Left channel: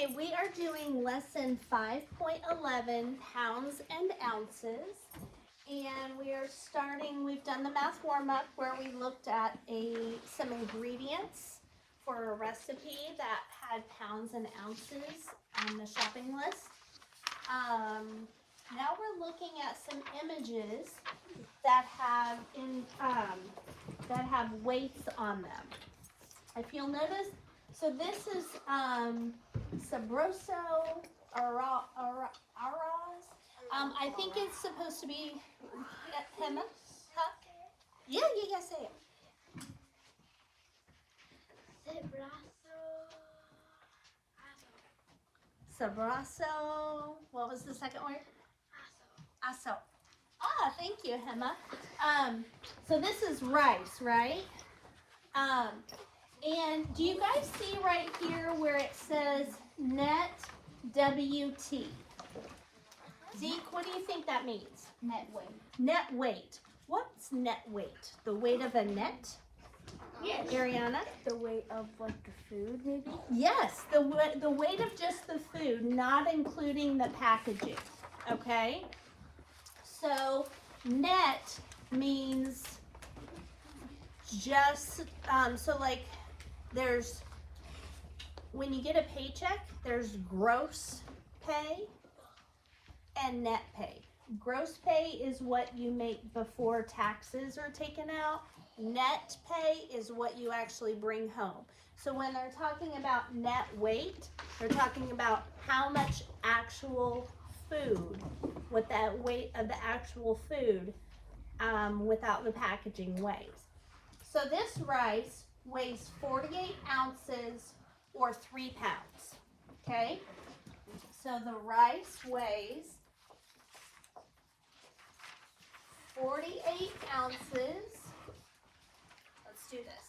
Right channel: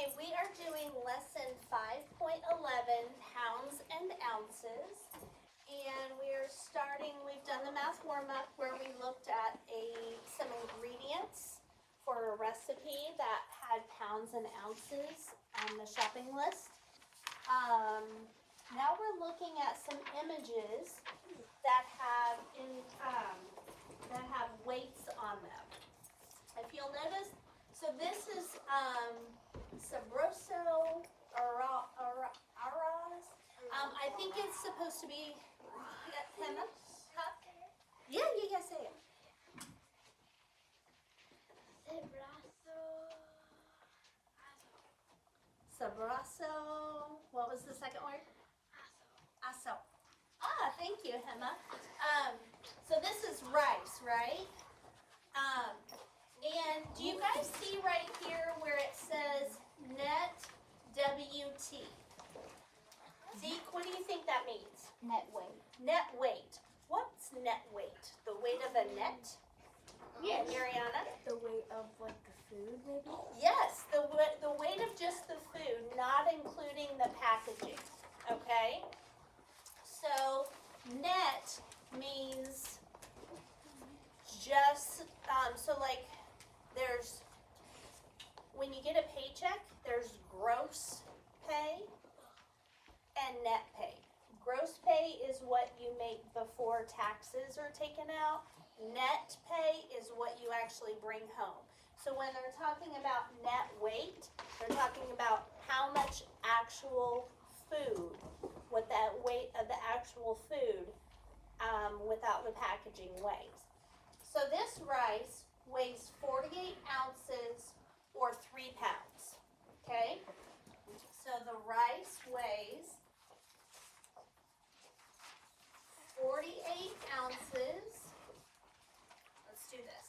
Okay, we are doing lesson 5.11, pounds and ounces. And we are starting, we've done the math warm-up where we looked at some ingredients for a recipe that had pounds and ounces on the shopping list. Now we're looking at some images that have weights on them. If you'll notice, so this is Sabroso Aras. I think it's supposed to be Emma. Huh? Yeah, say it. Sabroso. What was the second word? Aso. Ah, thank you, Emma. So this is rice, right? And do you guys see right here where it says net WT? Zeke, what do you think that means? Net weight. Net weight. What's net weight? The weight of a net? Yes. Ariana? The weight of like the food, maybe? Yes, the weight of just the food, not including the packaging. Okay? So net means just, so like there's, when you get a paycheck, there's gross pay and net pay. Gross pay is what you make before taxes are taken out. Net pay is what you actually bring home. So when they're talking about net weight, they're talking about how much actual food, what that weight of the actual food without the packaging weighs. So this rice weighs 48 ounces or 3 pounds, okay? So the rice weighs 48 ounces. Let's do this.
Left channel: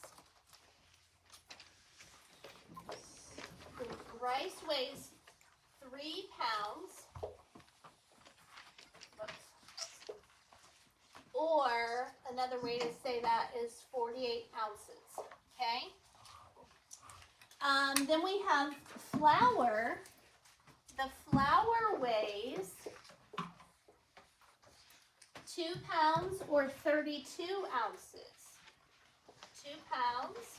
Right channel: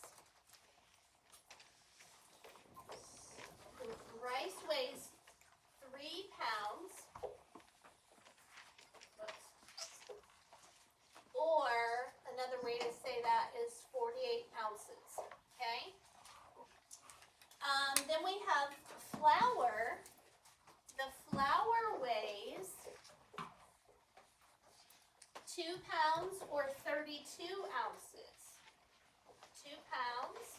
The rice weighs 3 pounds. Or another way to say that is 48 ounces, okay? Then we have flour. The flour weighs 2 pounds or 32 ounces. 2 pounds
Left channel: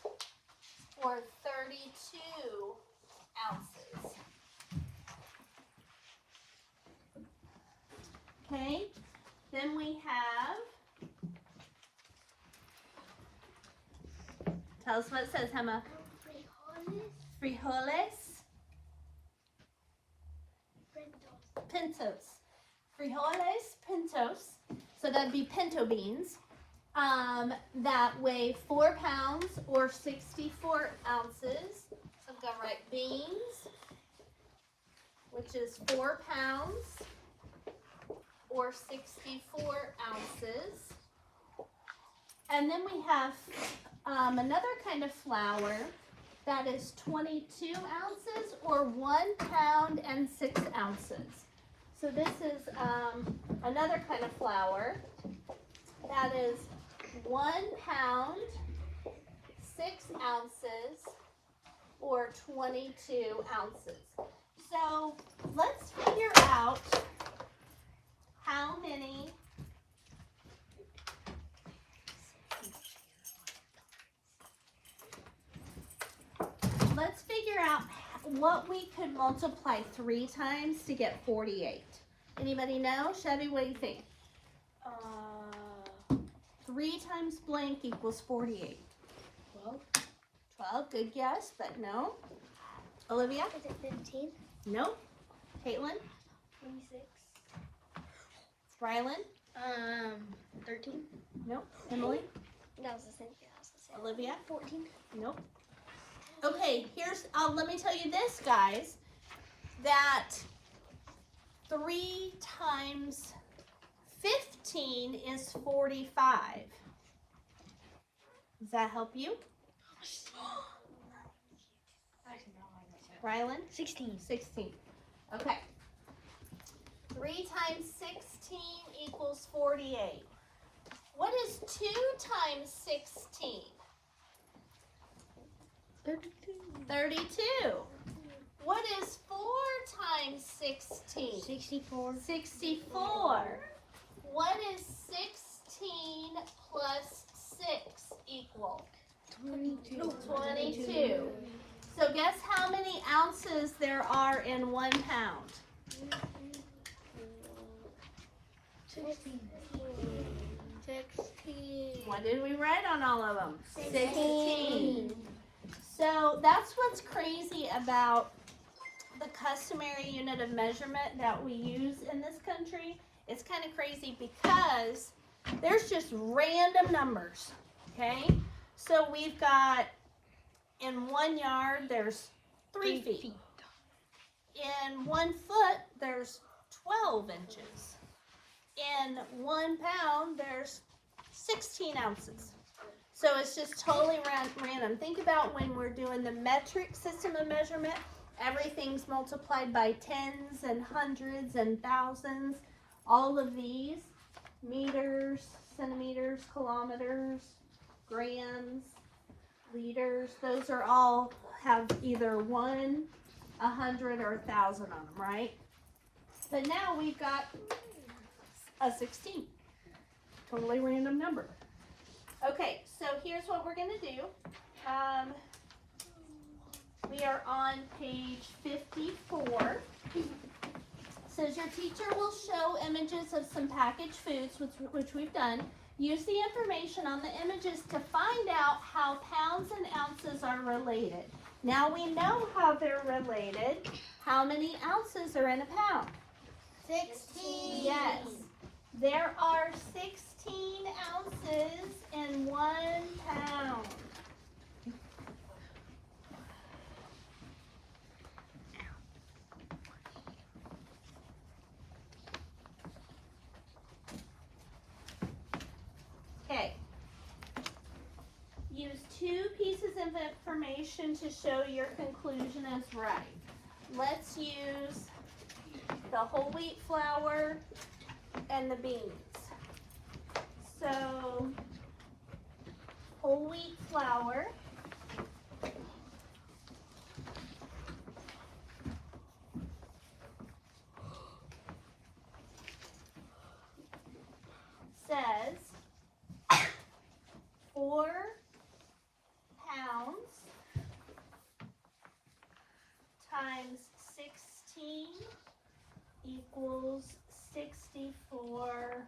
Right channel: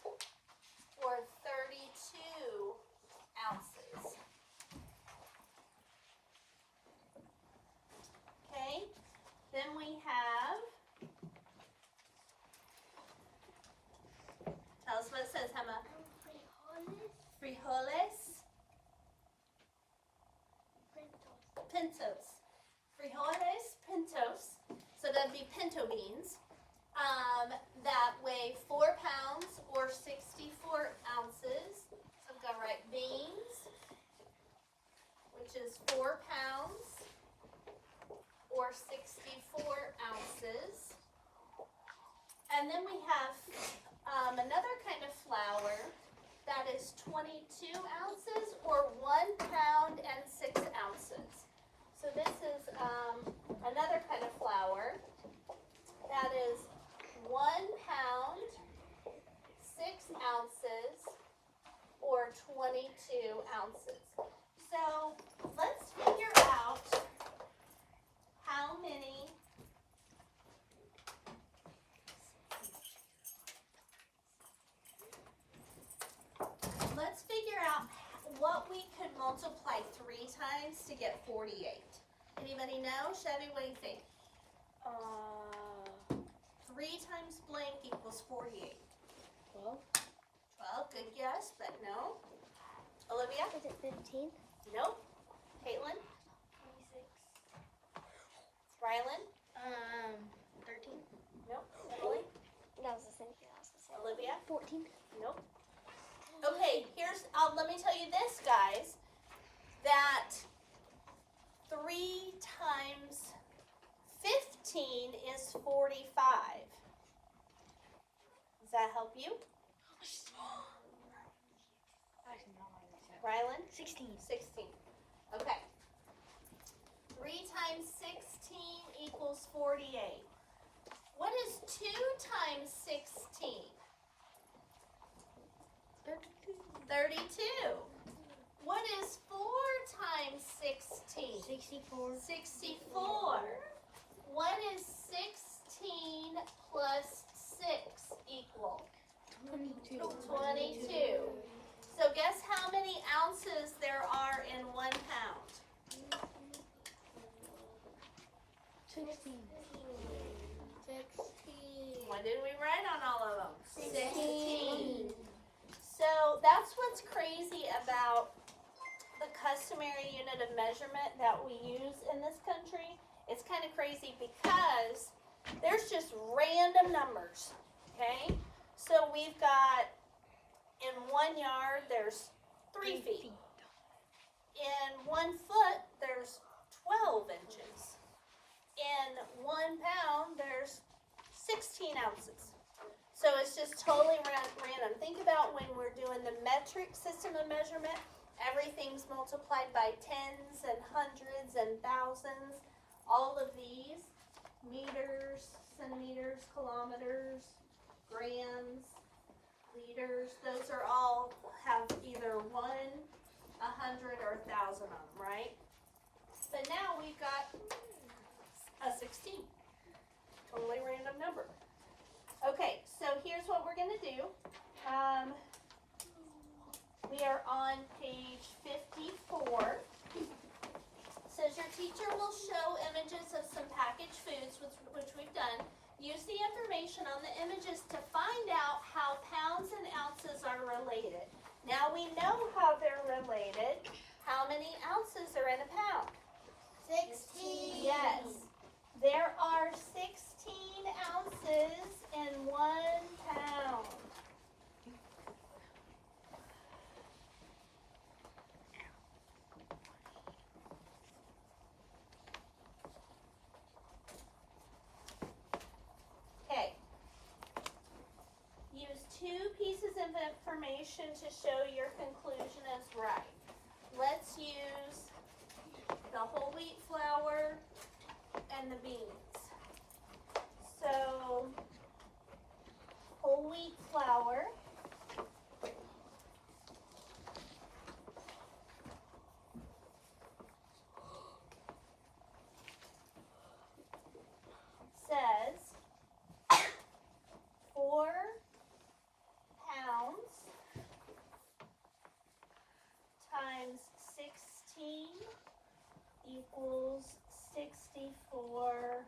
or 32 ounces. Okay, then we have, tell us what it says, Emma. Frijoles. Pintos. Frijoles, pintos. So that'd be pinto beans. That weigh 4 pounds or 64 ounces. So I've got right beans, which is 4 pounds or 64 ounces. And then we have another kind of flour that is 22 ounces or 1 pound and 6 ounces. So this is another kind of flour that is 1 pound, 6 ounces, or 22 ounces. So let's figure out how many what we could multiply 3 times to get 48. Anybody know? Chevy, what do you think? 3 times blank equals 48. 12, good guess, but no. Olivia? Is it 15? Nope. Caitlin? 26. Rylan? 13. Nope. Emily? That was the same. Olivia? 14. Nope. Okay, here's, let me tell you this, guys, that 3 times 15 is 45. Does that help you? Rylan? 16. 16. Okay. 3 times 16 equals 48. What is 2 times 16? 32. 32. What is 64. 64. What is 16 plus 6 equal? 22. 22. So guess how many ounces there are in 1 pound? 16. What did we write on all of them? 16. So that's what's crazy about the customary unit of measurement that we use in this country. It's kind of crazy because there's just random numbers, okay? So we've got, in 1 yard, there's 3 feet. In 1 foot, there's 12 inches. In 1 pound, there's 16 ounces. So it's just totally random. Think about when we're doing the metric system of measurement, everything's multiplied by tens and hundreds and thousands. All of these, meters, centimeters, kilometers, grams, liters, those are all have either 1, 100, or 1,000 on them, right? But now we've got a 16. Totally random number. Okay, so here's what we're gonna do. We are on page 54. Says your teacher will show images of some packaged foods, which we've done. Use the information on the images to find out how pounds and ounces are related. Now we know how they're related. How many ounces are in a pound? 16. Yes. There are 16 ounces in 1 pound. Okay. Use 2 pieces of information to show your conclusion is right. Let's use the whole wheat flour and the beans. So, whole wheat flour says 4 pounds times 16 equals 64.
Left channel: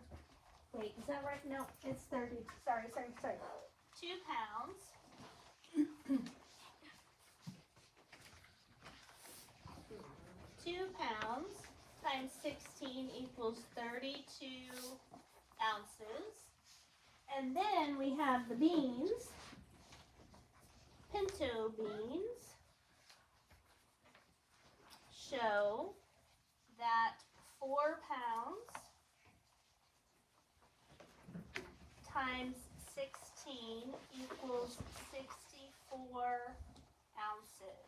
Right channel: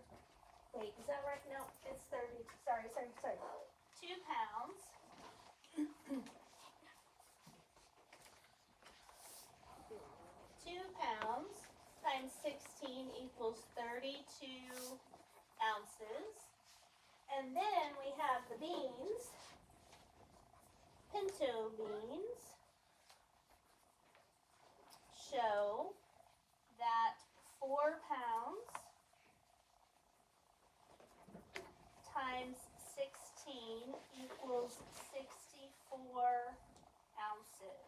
Wait, is that right? No, it's 30. Sorry. 2 pounds. 2 pounds times 16 equals 32 ounces. And then we have the beans, pinto beans, show that 4 pounds times 16 equals 64 ounces.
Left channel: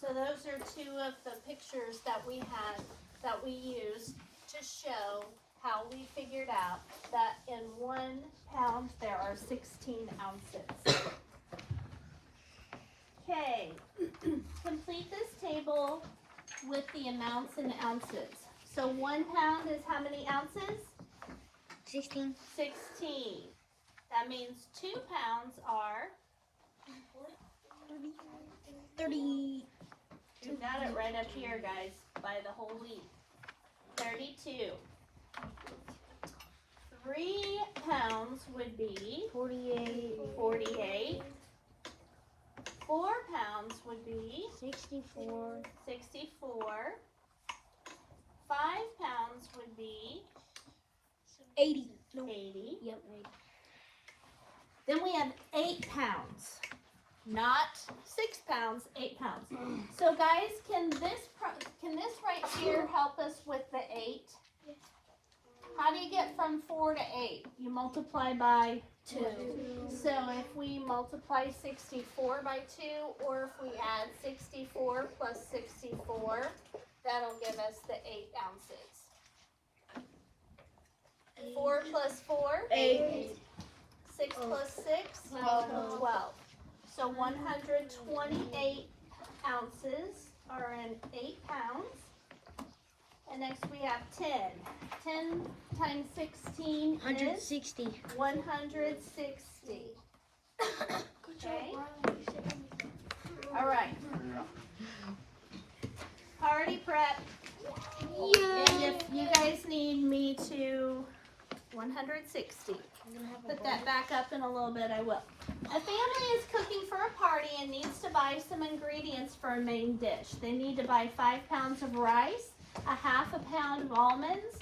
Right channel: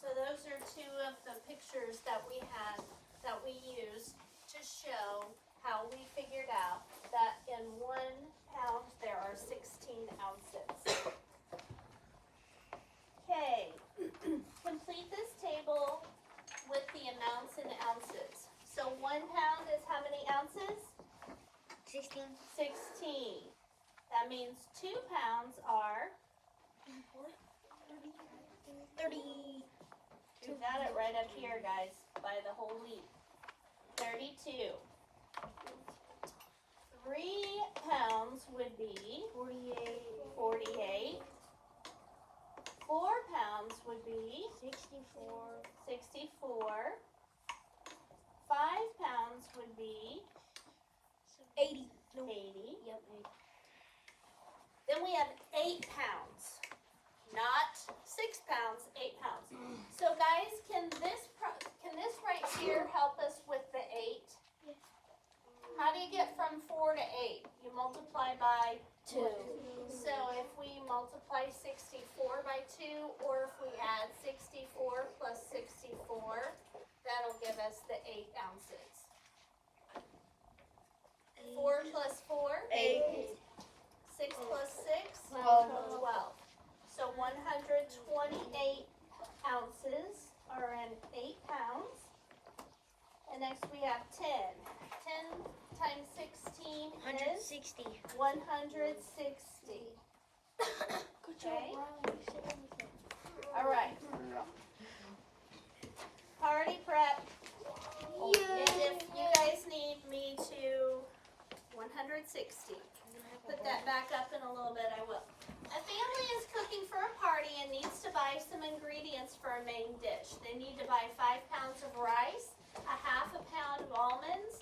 So those are 2 of the pictures that we had, that we used to show how we figured out that in 1 pound there are 16 ounces. Okay, complete this table with the amounts in ounces. So 1 pound is how many ounces? 16. 16. That means 2 pounds are, 30. you got it right up here, guys, by the whole wheat. 32. 3 pounds would be 48. 48. 4 pounds would be 64. 64. 5 pounds would be 80. 80. Yep. Then we have 8 pounds. Not 6 pounds, 8 pounds. So guys, can this right here help us with the 8? How do you get from 4 to 8? You multiply by 2. So if we multiply 64 by 2, or if we add 64 plus 64, that'll give us the 8 ounces. 4 plus 4? 8. 6 plus 6? 12. So 128 ounces are in 8 pounds. And next we have 10. 10 times 16 is 160. 160. Okay? All right. Party prep. And if you guys need me to 160, put that back up in a little bit, I will. A family is cooking for a party and needs to buy some ingredients for a main dish. They need to buy 5 pounds of rice, a half a pound of almonds,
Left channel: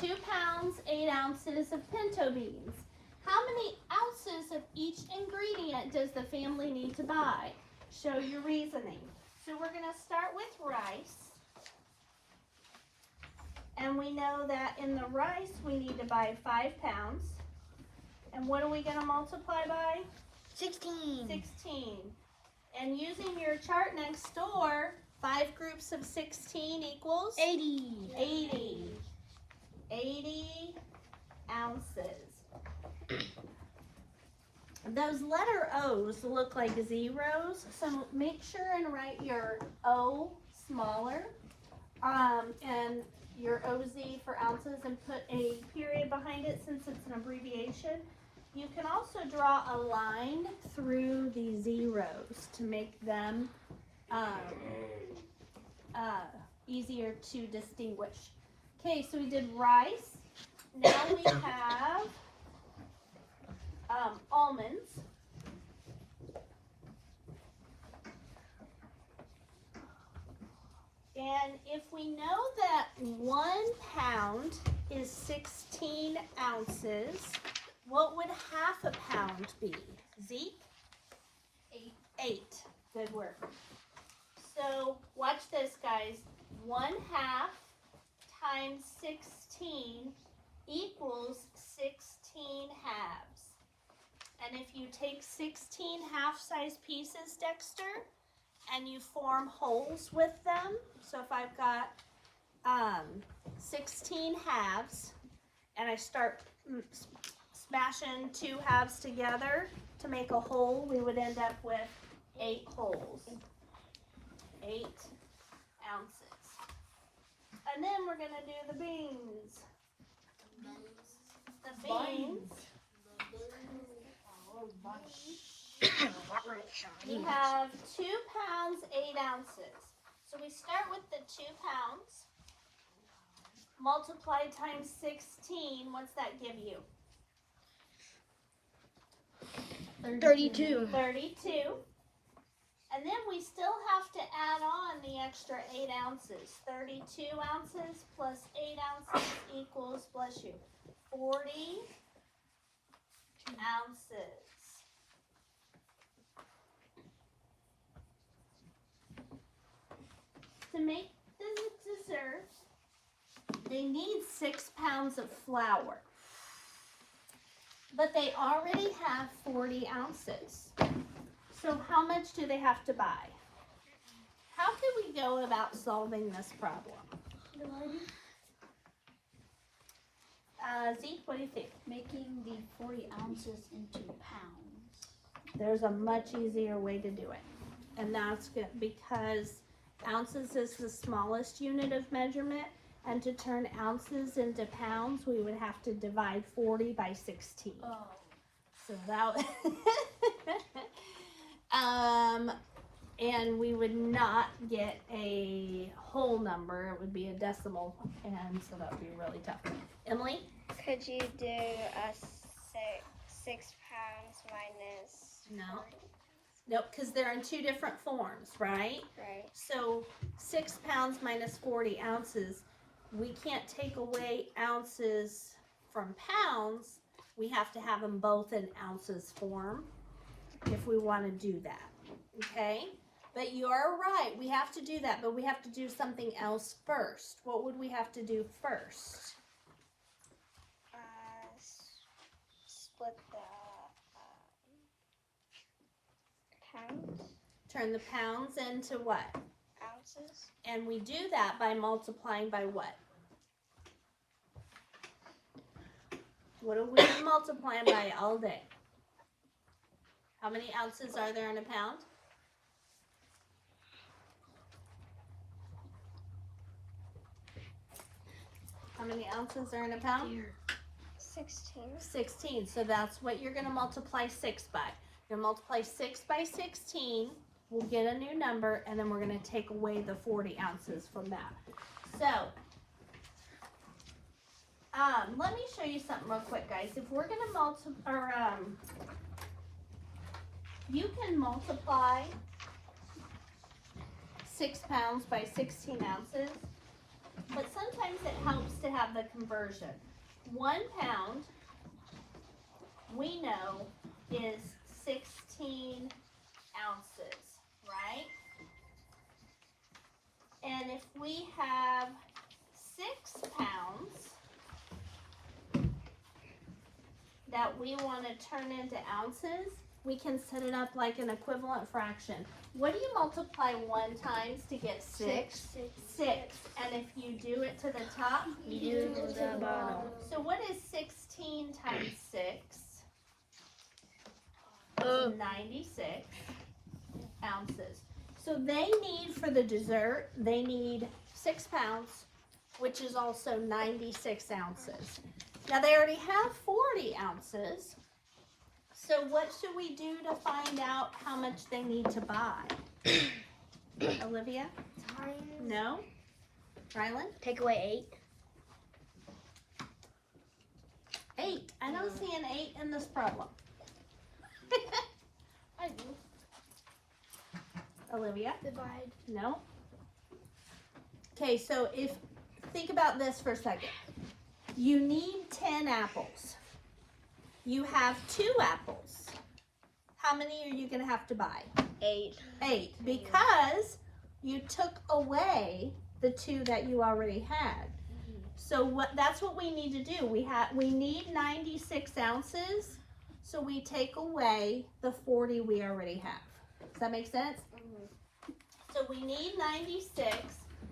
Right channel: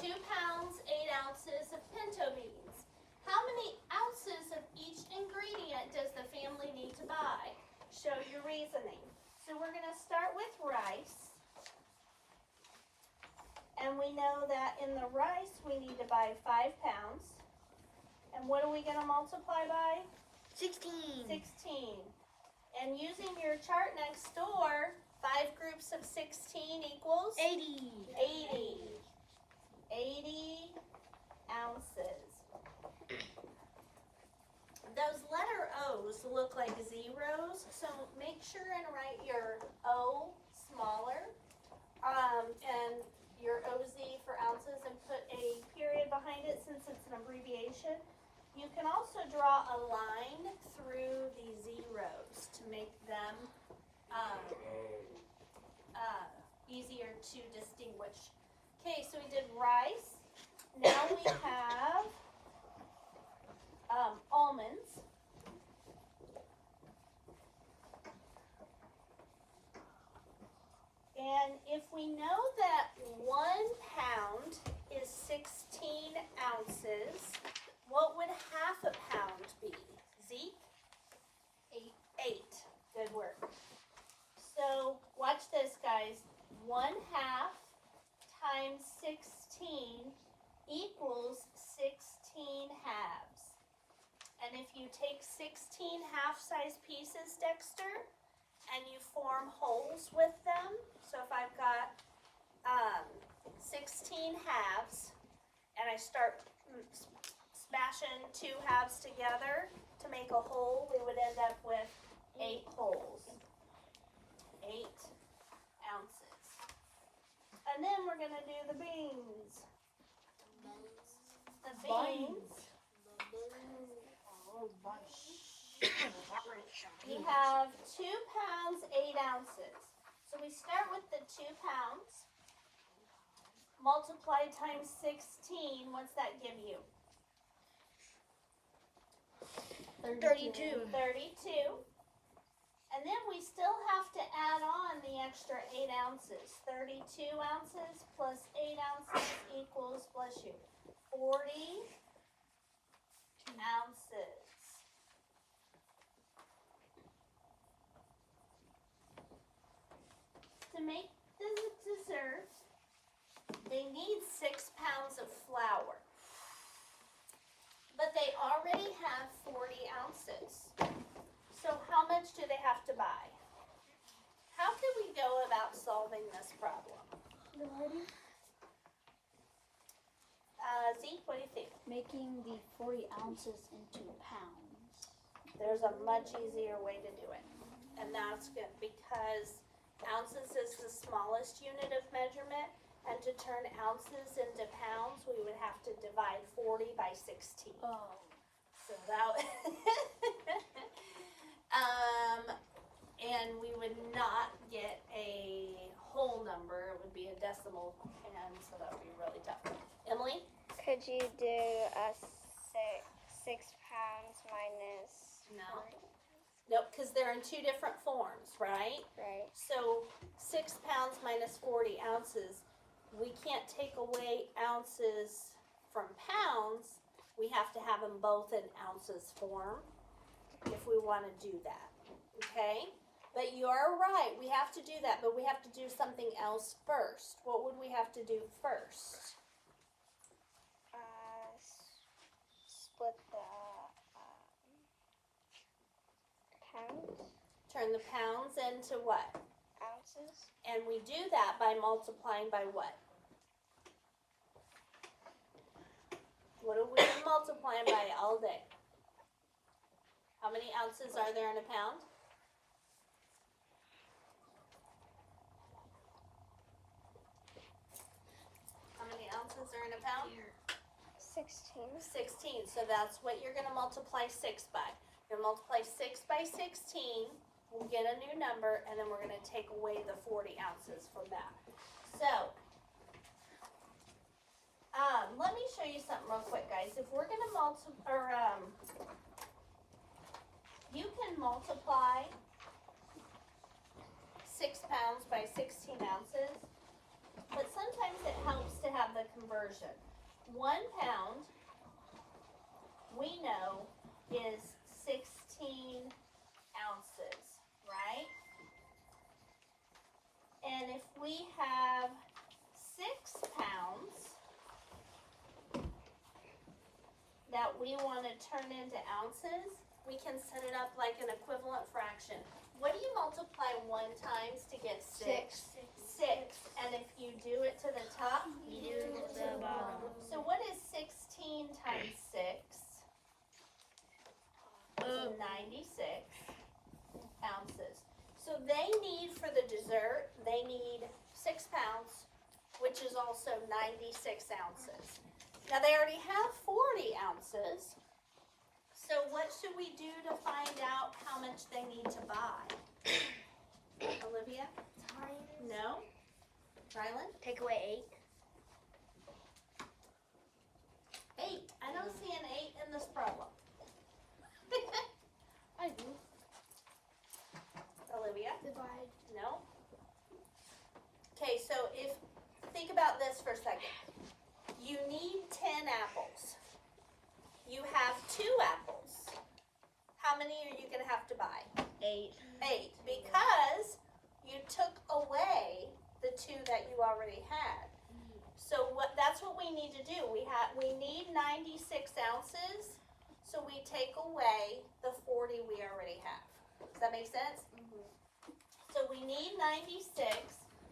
2 pounds, 8 ounces of pinto beans. How many ounces of each ingredient does the family need to buy? Show your reasoning. So we're going to start with rice. And we know that in the rice we need to buy 5 pounds. And what are we going to multiply by? 16. 16. And using your chart next door, 5 groups of 16 equals? 80. 80. 80 ounces. Those letter O's look like zeros, so make sure and write your O smaller and your OZ for ounces and put a period behind it since it's an abbreviation. You can also draw a line through the zeros to make them easier to distinguish. Okay, so we did rice. Now we have almonds. And if we know that 1 pound is 16 ounces, what would half a pound be? Zeke? 8. Good work. So watch this, guys. 1/2 times 16 equals 16 halves. And if you take 16 half-size pieces, Dexter, and you form holes with them, so if I've got 16 halves, and I start smashing 2 halves together to make a hole, we would end up with 8 holes. 8 ounces. And then we're going to do the beans. The beans. We have 2 pounds, 8 ounces. So we start with the 2 pounds. Multiply times 16. What's that give you? 32. 32. And then we still have to add on the extra 8 ounces. 32 ounces plus 8 ounces equals, bless you, 40 ounces. To make the dessert, they need 6 pounds of flour. But they already have 40 ounces. So how much do they have to buy? How could we go about solving this problem? Zeke, what do you think? Making the 40 ounces into pounds. There's a much easier way to do it. And that's good because ounces is the smallest unit of measurement. And to turn ounces into pounds, we would have to divide 40 by 16. Oh. So that and we would not get a whole number. It would be a decimal, and so that would be really tough. Emily? Could you do a 6 pounds minus? No. Nope, because they're in 2 different forms, right? Right. So 6 pounds minus 40 ounces, we can't take away ounces from pounds. We have to have them both in ounces form if we want to do that, okay? But you are right, we have to do that, but we have to do something else first. What would we have to do first? Split the pounds. Turn the pounds into what? Ounces. And we do that by multiplying by what? What have we been multiplying by all day? How many ounces are there in a pound? many ounces are in a pound? 16. 16. So that's what you're going to multiply 6 by. You're going to multiply 6 by 16. We'll get a new number, and then we're going to take away the 40 ounces from that. So, let me show you something real quick, guys. If we're going to you can multiply 6 pounds by 16 ounces, but sometimes it helps to have the conversion. 1 pound, we know, is 16 ounces, right? And if we have 6 pounds that we want to turn into ounces, we can set it up like an equivalent fraction. What do you multiply 1 times to get 6? 6. And if you do it to the top, You do to the bottom. So what is 16 times 6? 96 ounces. So they need, for the dessert, they need 6 pounds, which is also 96 ounces. Now they already have 40 ounces. So what should we do to find out how much they need to buy? Olivia? No? Rylan? Take away 8. 8. I don't see an 8 in this problem. Olivia? Divide. No? Okay, so think about this for a second. You need 10 apples. You have 2 apples. How many are you going to have to buy? 8. 8, because you took away the 2 that you already had. So that's what we need to do. We need 96 ounces, so we take away the 40 we already have. Does that make sense? So we need 96.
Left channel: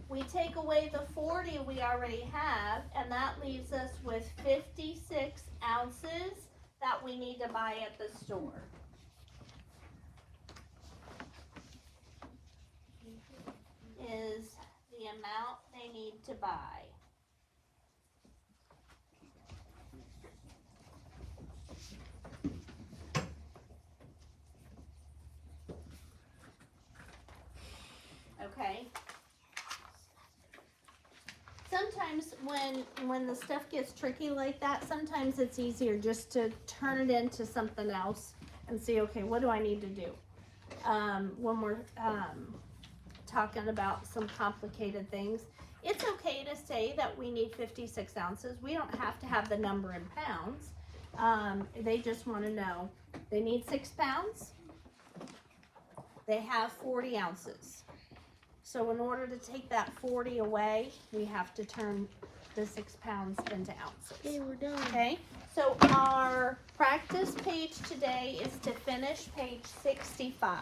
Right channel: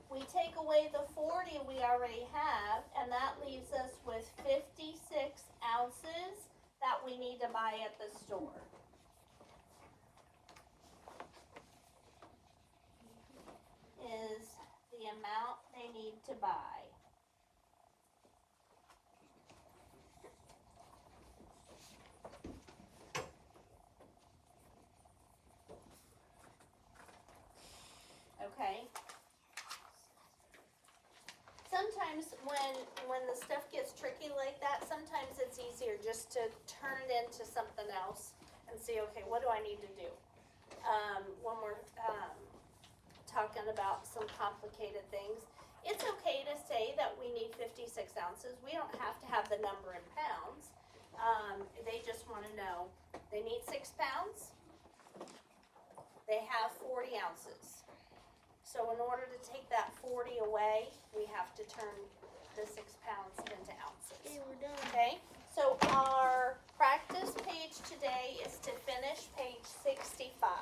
We take away the 40 we already have, and that leaves us with 56 ounces that we need to buy at the store. Is the amount they need to buy. Okay. Sometimes when the stuff gets tricky like that, sometimes it's easier just to turn it into something else and see, okay, what do I need to do? When we're talking about some complicated things, it's okay to say that we need 56 ounces. We don't have to have the number in pounds. They just want to know they need 6 pounds. They have 40 ounces. So in order to take that 40 away, we have to turn the 6 pounds into ounces. Okay, we're done. Okay, so our practice page today is to finish page 65.